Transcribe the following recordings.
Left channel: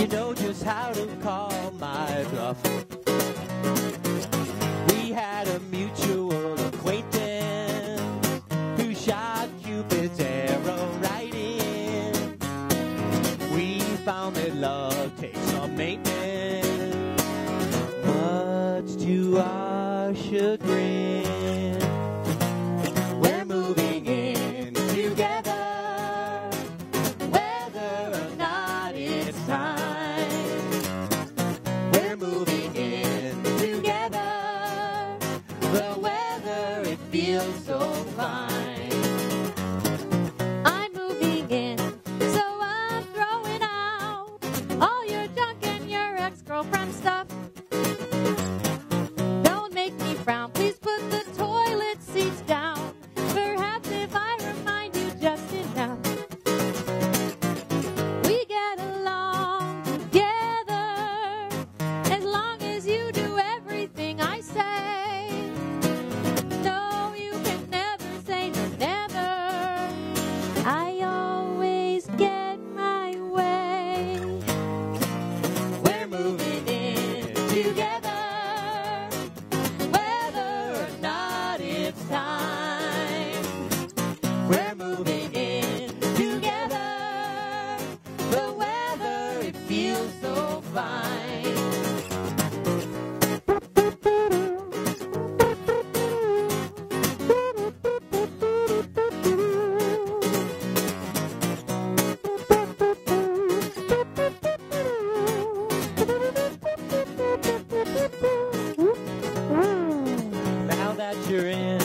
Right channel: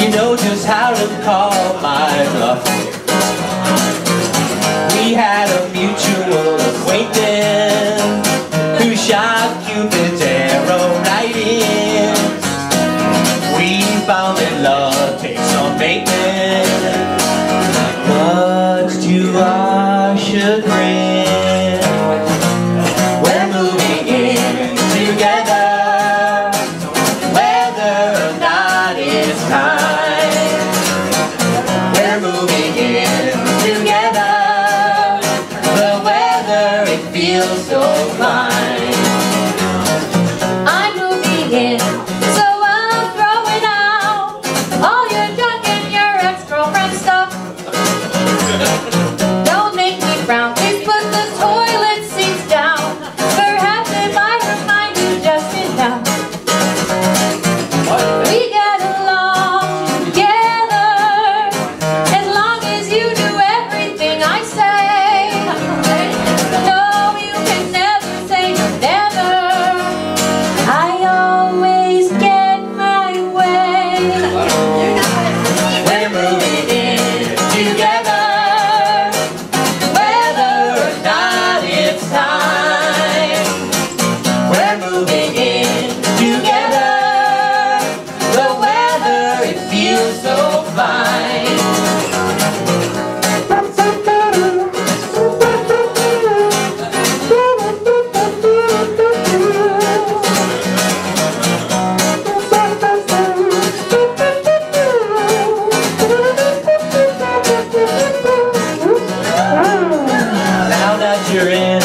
You know just how to call my bluff. We had a mutual acquaintance who shot Cupid's arrow right in. We found that love takes some maintenance, much to our chagrin. We're moving in together, whether or not it's time. We're moving in together, the weather, it feels so fine. I'm moving in, so I'm throwing out all your junk and your ex-girlfriend stuff. Don't make me frown, please put the toilet seats down. Perhaps if I remind you just enough. We get along together, as long as you do everything I say. No, you can never say never. I always get my way. We're moving in together, whether or not it's time. We're moving in together, the weather, it feels so fine. Now that you're in,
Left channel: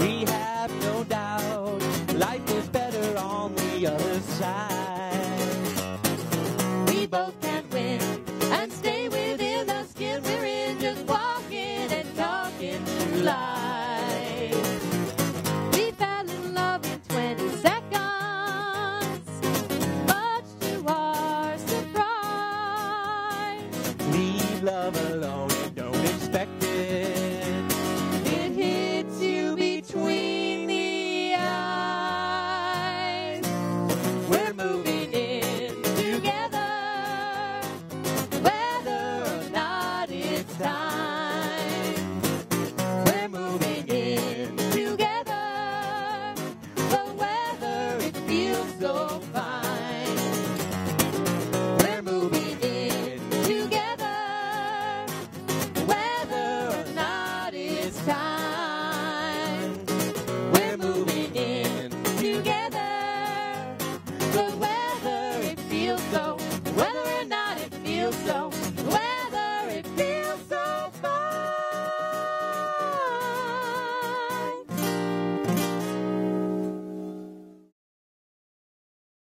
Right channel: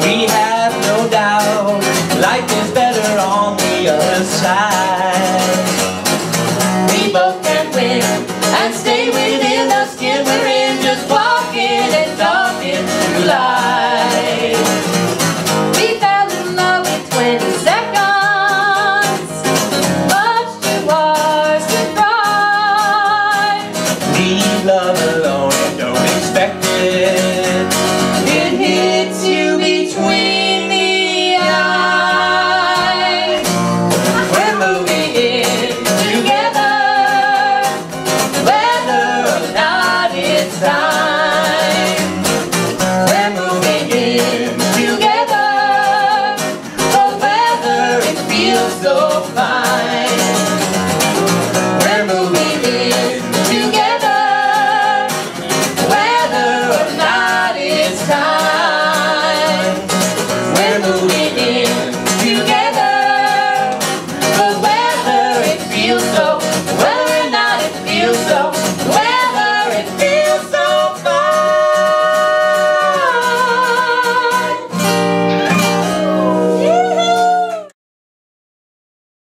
we have no doubt life is better on the other side.